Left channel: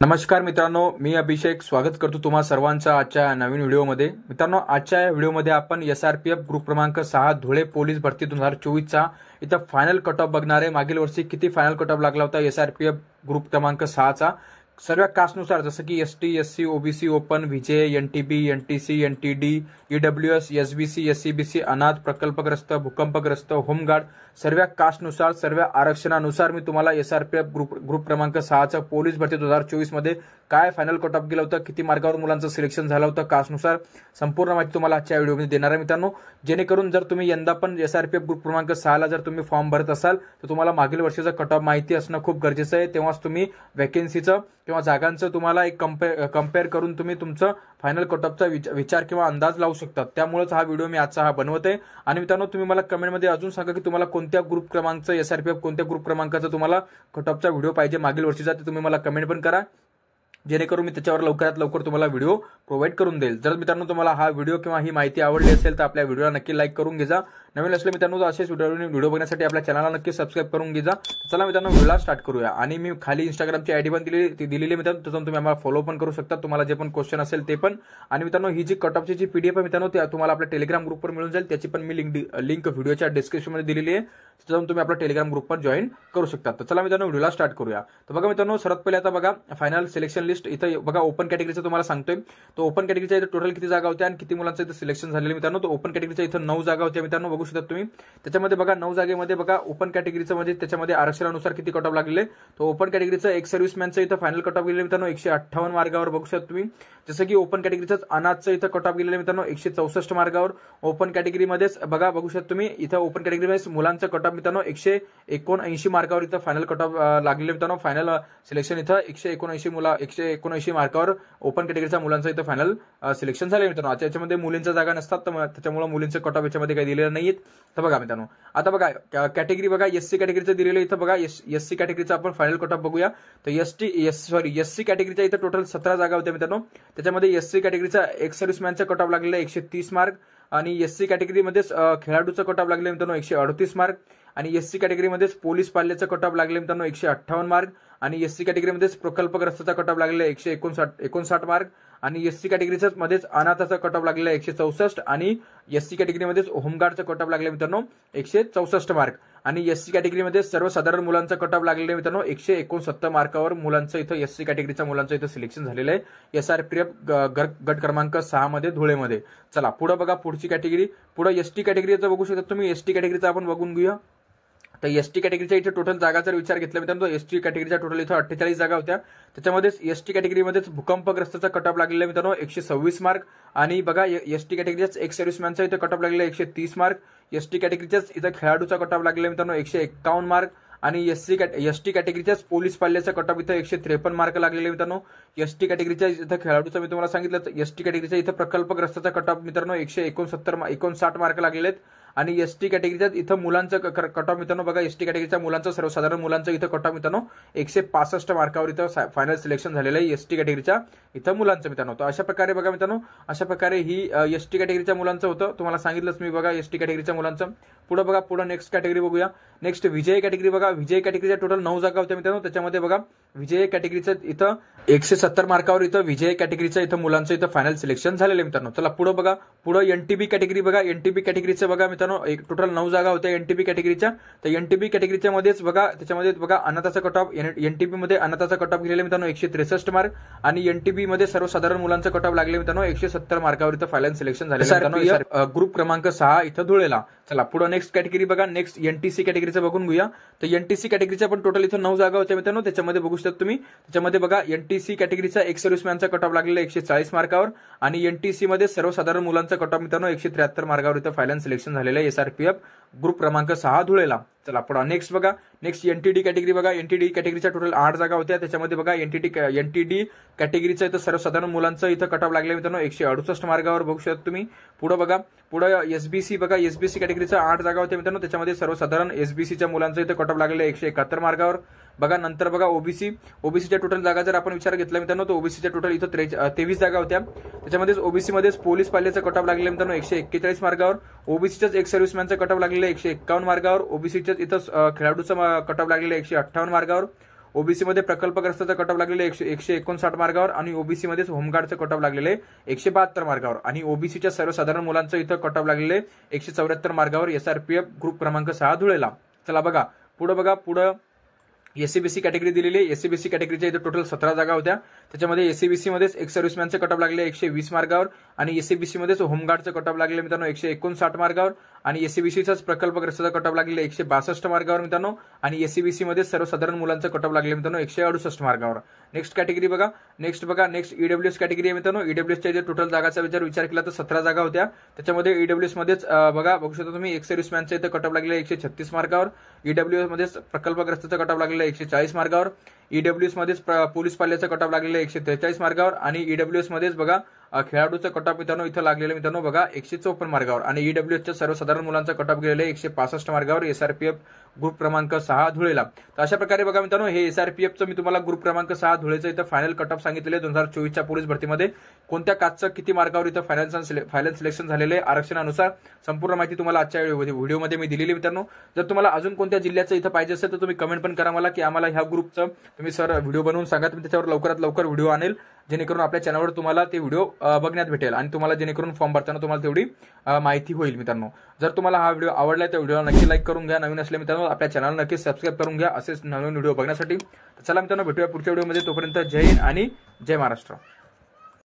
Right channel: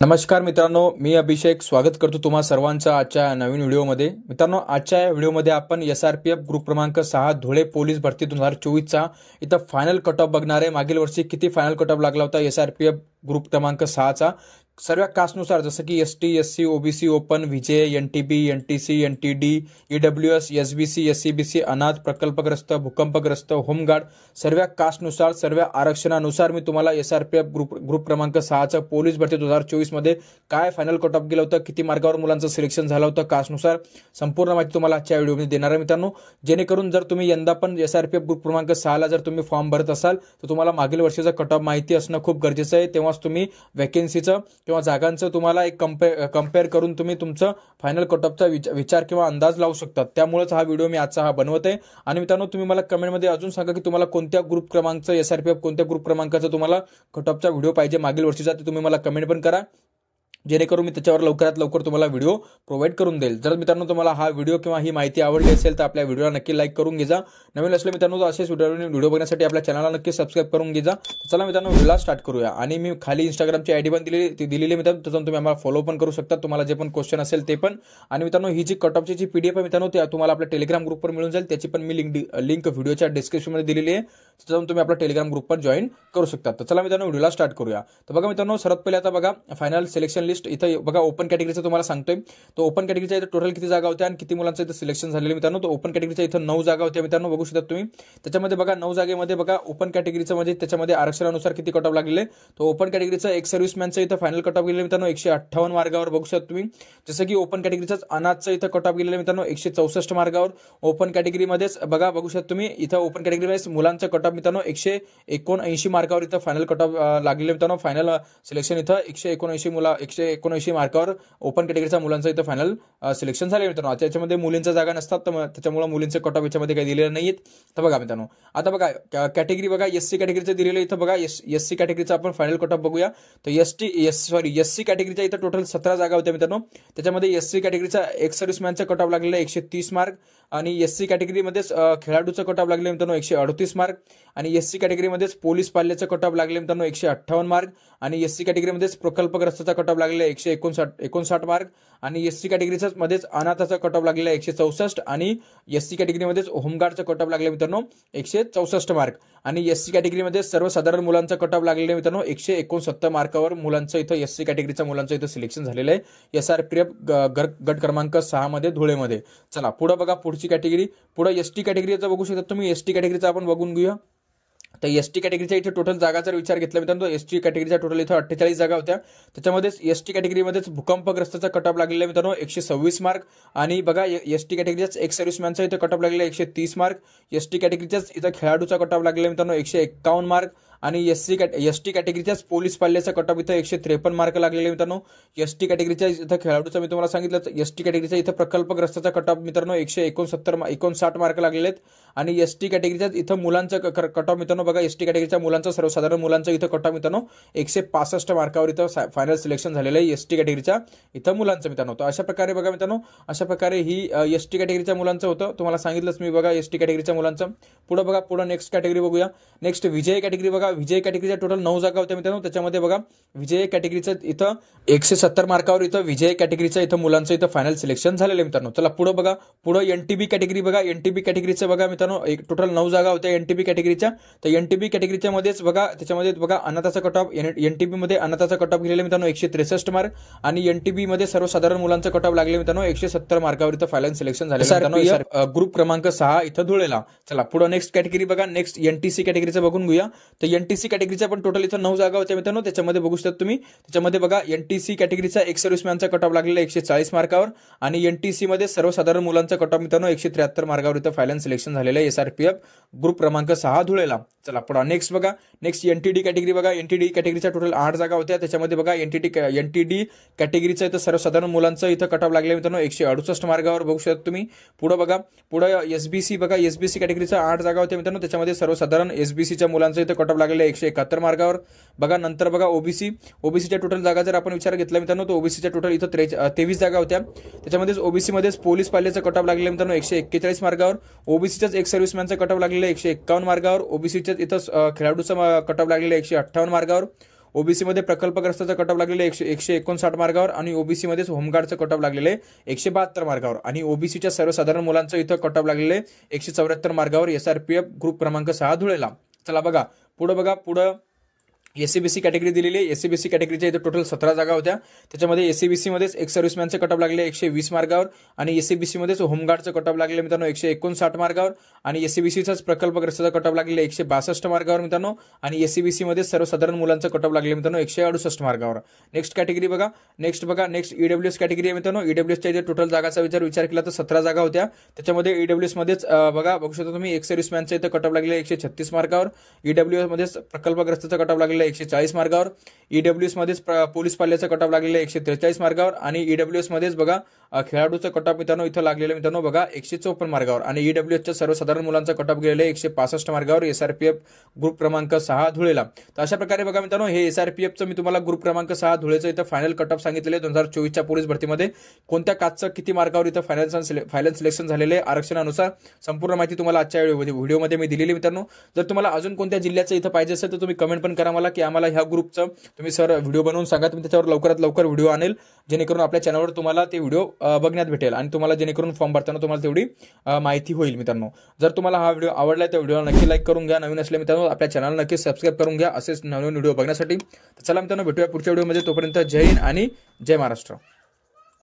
नमस्कार मित्रांनो, मी अभिषेक स्वागत करतो तुम्हा सर्वांचं आजच्या नवीन व्हिडिओमध्ये। मित्रांनो, आजच्या व्हिडिओमध्ये आपण SRPF ग्रुप क्रमांक 6 धुळे पोलीस भरती 2024चा इथं फायनल कट ऑफ बघणार आहे। मागील वर्षी किती फायनल कट ऑफ लागला होता SRPF ग्रुप क्रमांक 6चा सर्व कास्टनुसार, जसं की ST SC OBC open VJ NTB NTC NTD EWS SBC SCBC अनाथ प्रकल्पग्रस्त भूकंपग्रस्त होमगार्ड सर्व कास्टनुसार सर्व आरक्षणानुसार मी तुम्हाला SRPF ग्रुप क्रमांक 6चा पोलीस भरती 2024 मध्ये काय फायनल कट ऑफ गेला होता, किती मार्कावर मुलांचं सिलेक्शन झालं होतं कास्टनुसार संपूर्ण माहिती तुम्हाला आजच्या व्हिडिओमध्ये देणार आहे मित्रांनो। जेणेकरून जर तुम्ही यंदा पण SRPF ग्रुप क्रमांक 6ला जर तुम्ही फॉर्म भरत असाल तर तुम्हाला मागील वर्षीचा कट ऑफ माहिती असणं खूप गरजेचं आहे। तेव्हाच तुम्ही वॅकन्सीचं किंवा जागांचं तुम्हाला एक कंपेअर करून तुम्ही तुमचं फायनल कट ऑफचा विचार किंवा अंदाज लावू शकता। त्यामुळेच हा व्हिडिओ मी आजचा बनवत आहे। आणि मित्रांनो, तुम्ही मला कमेंटमध्ये अजून सांगा की तुम्हाला कोणत्या ग्रुप क्रमांकाचा SRPF कोणत्या ग्रुप क्रमांकाचा तुम्हाला कट ऑफचा व्हिडिओ पाहिजे मागील वर्षीचा, ते तुम्ही मला कमेंट पण करा, जेणेकरून मी त्याच्यावर लवकरात लवकर तुम्हाला व्हिडिओ प्रोव्हाइड करून देईल। जर मित्रांनो तुम्हाला हा व्हिडिओ किंवा ही माहिती आवडली असेल तर आपल्या व्हिडिओला नक्की लाईक करून घ्या। नवीन असले मित्रांनो तर असेच व्हिडिओ बघण्यासाठी आपल्या चॅनलला नक्की सबस्क्राइब करून घ्या। चला मित्रांनो, व्हिडिओला स्टार्ट करूया। आणि मी खाली इंस्टाग्रामची आयडी पण दिलेली मित्रांनो, त्यातून तुम्ही आम्हाला फॉलो पण करू शकता, तुम्हाला जे पण क्वेश्चन असेल ते पण। आणि मित्रांनो, ही जी कट ऑफची जी PDF आहे मित्रांनो, ते तुम्हाला आपल्या टेलिग्राम ग्रुपवर मिळून जाईल, त्याची पण मी लिंक व्हिडिओच्या डिस्क्रिप्शनमध्ये दिलेली आहे, त्यातून तुम्ही आपल्या टेलिग्राम ग्रुपवर जॉईन करू शकता। तर चला मित्रांनो, व्हिडिओला स्टार्ट करूया। तर बघा मित्रांनो, सर्वात पहिले आता बघा फायनल सिलेक्शन लिस्ट इथं बघा ओपन कॅटेगरीचं तुम्हाला सांगतोय। तो ओपन कॅटेगरीच्या इथं टोटल किती जागा होत्या आणि किती मुलांचं इथं सिलेक्शन झालेलं मित्रांनो, तो ओपन कॅटेगरीच्या इथं 9 जागा होत्या मित्रांनो, बघू शकता तुम्ही। त्याच्यामध्ये बघा 9 जागेमध्ये बघा ओपन कॅटेगरीचं म्हणजे त्याच्यामध्ये आरक्षणानुसार किती कट ऑफ लागलेले, तो ओपन कॅटेगरीचं एक सर्व्हिसमॅनचं इथं फायनल कट ऑफ गेलेलं मित्रांनो 158 मार्गावर बघू शकता तुम्ही। जसं की ओपन कॅटेगरीचं अनाथचं इथं कट ऑफ गेलेलं मित्रांनो 164 मार्गावर। ओपन कॅटेगरीमध्येच बघू शकता तुम्ही, इथं ओपन कॅटेगरीमध्ये मुलांचं कट ऑफ मित्रांनो 179 मार्कावर इथं फायनल कट ऑफ लागलेले मित्रांनो। फायनल सिलेक्शन इथं 179 मार्कावर ओपन कॅटेगरीच्या मुलांचं इथं फायनल सिलेक्शन झाले मित्रांनो। त्याच्यामध्ये मुलींच्या जागा नसतात, तर त्याच्यामुळे मुलींचं कट ऑफ याच्यामध्ये काही दिलेलं नाहीत। तर बघा मित्रांनो, आता बघा कॅटेगरी बघा SC कॅटेगरीचं दिलेलं इथं बघा SC कॅटेगरीचा आपण फायनल कट ऑफ बघूया। तर SC कॅटेगरीच्या इथं टोटल 17 जागा होत्या मित्रांनो। त्याच्यामध्ये SC कॅटेगरीचा एक्स सर्व्हिसमॅनचा कट ऑफ लागलेला 130 मार्क आणि SC कॅटेगरीमध्येच खेळाडूचा कट ऑफ लागले मित्रांनो 138 मार्क आणि SC कॅटेगरीमध्येच पोलीस पाल्याचा कट ऑफ लागले मित्रांनो 158 मार्क आणि SC कॅटेगरीमध्येच प्रकल्पग्रस्ताचा कट ऑफ लागलेला 159 मार्क आणि SC कॅटेगरीच्या मध्येच अनाथाचा कट ऑफ लागलेला 164 आणि SC कॅटेगरीमध्येच होमगार्डचा कट ऑफ लागले मित्रांनो 164 मार्क आणि SC कॅटेगरीमध्ये सर्वसाधारण मुलांचा कट ऑफ लागलेला मित्रांनो 169 मार्कावर मुलांचं इथं SC कॅटेगरीच्या मुलांचं इथं सिलेक्शन झालेलं आहे SRPF गट क्रमांक 6 मध्ये धुळेमध्ये। चला पुढे बघा, पुढची कॅटेगरी पुढे ST कॅटेगरीचं बघू शकता तुम्ही। ST कॅटेगरीचा आपण बघून घेऊया। तर ST कॅटेगरीच्या इथे टोटल जागा जर विचार घेतला मित्रांनो, ST कॅटेगरीच्या टोटल इथं 48 जागा होत्या। त्याच्यामध्ये ST कॅटेगरीमध्येच भूकंपग्रस्ताचा कट ऑफ लागलेला मित्रांनो 126 मार्क आणि बघा ST कॅटेगरीच्याच एक सर्व्हिसमॅनचा इथं कट ऑफ लागलेला 130 मार्क। ST कॅटेगरीच्याच इथं खेळाडूचा कट ऑफ लागलेला मित्रांनो 151 मार्क आणि ST कॅटेगरीच्याच पोलीस पाल्याचा कट ऑफ इथं 153 मार्क लागलेले मित्रांनो। ST कॅटेगरीच्या इथं खेळाडूचा मी तुम्हाला सांगितलं, ST कॅटेगरीच्या इथं प्रकल्पग्रस्ताचा कट ऑफ मित्रांनो 159 मार्क लागलेले आहेत आणि ST कॅटेगरीच्या इथं मुलांचं कट ऑफ मित्रांनो बघा ST कॅटेगरीच्या मुलांचं सर्वसाधारण मुलांचं इथं कट ऑफ मित्रांनो 165 मार्कावर इथं फायनल सिलेक्शन झालेलं आहे ST कॅटेगरीच्या इथं मुलांचं मित्रांनो। तर अशा प्रकारे बघा मित्रांनो, अशा प्रकारे ही ST कॅटेगरीच्या मुलांचं होतं, तुम्हाला सांगितलंच मी बघा ST कॅटेगरीच्या मुलांचं। पुढे बघा, पुढे नेक्स्ट कॅटेगरी बघूया। नेक्स्ट VJ कॅटेगरी बघा, VJ कॅटेगरीच्या टोटल 9 जागा होत्या मित्रांनो। त्याच्यामध्ये बघा VJ कॅटेगरीचं इथं 170 मार्कावर इथं VJ कॅटेगरीच्या इथं मुलांचं इथं फायनल सिलेक्शन झालेलं आहे मित्रांनो। चला पुढे बघा, पुढे NTB कॅटेगरी बघा। NTB कॅटेगरीचं बघा मित्रांनो टोटल 9 जागा होत्या NTB कॅटेगरीच्या। तर NTB कॅटेगरीच्या मध्येच बघा त्याच्यामध्ये बघा अनाथाचा कट ऑफ NTB मध्ये अनाथाचा कट ऑफ गेलेला मित्रांनो 163 मार्क आणि NTB मध्ये सर्वसाधारण मुलांचा कट ऑफ लागले मित्रांनो 170 मार्कावर इथं फायनल सिलेक्शन झालेलं मित्रांनो ग्रुप क्रमांक 6 इथं धुळेला। चला पुढे नेक्स्ट कॅटेगरी बघा, नेक्स्ट NTC कॅटेगरीचं बघून घेऊया। तर NTC कॅटेगरीच्या पण टोटल इथं 9 जागा होत्या मित्रांनो। त्याच्यामध्ये बघू शकता तुम्ही, त्याच्यामध्ये बघा NTC कॅटेगरीचा एक सर्व्हिसमॅनचा कट ऑफ लागलेला 140 मार्कावर आणि NTC मध्ये सर्वसाधारण मुलांचा कट ऑफ मित्रांनो 173 मार्कावर इथं फायनल सिलेक्शन झालेलं आहे SRPF ग्रुप क्रमांक 6 धुळेला। चला पुढे नेक्स्ट बघा, नेक्स्ट NTD कॅटेगरी बघा। NTD कॅटेगरीच्या टोटल 8 जागा होत्या। त्याच्यामध्ये बघा NTD कॅटेगरीचं इथं सर्वसाधारण मुलांचं इथं कट ऑफ लागले मित्रांनो 168 मार्गावर बघू शकता तुम्ही। पुढे बघा, पुढे SBC बघा, SBC कॅटेगरीच्या 8 जागा होत्या मित्रांनो। त्याच्यामध्ये सर्वसाधारण SBCच्या मुलांचं इथं कट ऑफ लागलेलं 171 मार्गावर बघा। नंतर बघा ओबीसीच्या टोटल जागा जर आपण विचार घेतला मित्रांनो, तर ओबीसीच्या टोटल इथं 23 जागा होत्या। त्याच्यामध्ये ओबीसी मध्येच पोलीस पाल्याचा कट ऑफ लागलेला मित्रांनो 141 मार्गावर। ओबीसीच्याच एक सर्व्हिसमॅनचा कट ऑफ लागलेला 151 मार्गावर। ओबीसीच्याच इथं खेळाडूचा कट ऑफ लागलेला 158 मार्गावर। ओबीसी मध्ये प्रकल्पग्रस्ताचा कट ऑफ लागलेले 159 मार्गावर आणि ओबीसी मध्ये होमगार्डचं कट ऑफ लागलेले 172 मार्गावर आणि ओबीसीच्या सर्वसाधारण मुलांचं इथं कट ऑफ लागलेले 174 मार्गावर एसआरपीएफ ग्रुप क्रमांक 6 धुळेला। चला बघा पुढं एससीबीसी कॅटेगरी दिलेली आहे। एससीबीसी कॅटेगरीच्या इथे टोटल 17 जागा होत्या। त्याच्यामध्ये एससीबीसी मध्येच एक सर्व्हिसमॅनचं कट ऑफ लागले 120 मार्गावर आणि एससीबीसी मध्येच होमगार्डचं कट ऑफ लागले मित्रांनो 159 मार्गावर आणि एससीबीसीचाच प्रकल्पग्रस्ताचा कट ऑफ लागले 162 मार्गावर मित्रांनो आणि एससीबीसी मध्ये सर्वसाधारण मुलांचं कट ऑफ लागले मित्रांनो 168 मार्गावर। नेक्स्ट कॅटेगरी बघा नेक्स्ट ईडब्ल्यूएस कॅटेगरी आहे मित्रांनो। ईडब्ल्यूएसच्या इथे टोटल जागाचा विचार केला तर 17 जागा होत्या। त्याच्यामध्ये ईडब्ल्यूएस मध्येच बघू शकता तुम्ही एक सर्व्हिसमॅनचं इथे कट ऑफ लागले 136 मार्गावर। ईडब्ल्यूएस मध्येच प्रकल्पग्रस्ताचा कट ऑफ लागले 140 मार्गावर। ईडब्ल्यूएस मध्येच पोलीस पाल्याचा कट ऑफ लागलेला 143 मार्गावर आणि ईडब्ल्यूएस मध्येच बघा खेळाडूचा कट ऑफ मित्रांनो इथं लागलेलं मित्रांनो बघा 154 मार्गावर आणि ईडब्ल्यूएसच्या सर्वसाधारण मुलांचा कट ऑफ गेलेले 165 मार्गावर एसआरपीएफ ग्रुप क्रमांक 6 धुळेला। तर अशा प्रकारे बघा मित्रांनो हे एसआरपीएफचं मी तुम्हाला ग्रुप क्रमांक 6 धुळेचं इथं फायनल कट ऑफ सांगितलेले 2024च्या पोलीस भरतीमध्ये कोणत्या काचचं किती मार्गावर इथं फायनल सिलेक्शन झालेले आरक्षणानुसार संपूर्ण माहिती तुम्हाला आजच्या व्हिडिओमध्ये मी दिलेली मित्रांनो। जर तुम्हाला अजून कोणत्या जिल्ह्याचं इथं पाहिजे असेल तर तुम्ही कमेंट पण करा मला की आम्हाला ह्या ग्रुपचं तुम्ही सर व्हिडिओ बनवून सांगा। तुम्ही त्याच्यावर लवकरात लवकर व्हिडिओ आणेल जेणेकरून आपल्या चॅनलवर तुम्हाला ते व्हिडिओ बघण्यात भेटेल आणि तुम्हाला जेणेकरून फॉर्म भरताना तुम्हाला तेवढी माहिती होईल मित्रांनो। जर तुम्हाला हा व्हिडिओ आवडला तर व्हिडिओला नक्की लाईक करून घ्या। नवीन असले मित्रांनो आपल्या चॅनलला नक्की सबस्क्राईब करून घ्या असेच नवीन व्हिडिओ बघण्यासाठी। चला मित्रांनो भेटूया पुढच्या व्हिडिओमध्ये, तोपर्यंत जय हिंद आणि जय महाराष्ट्र।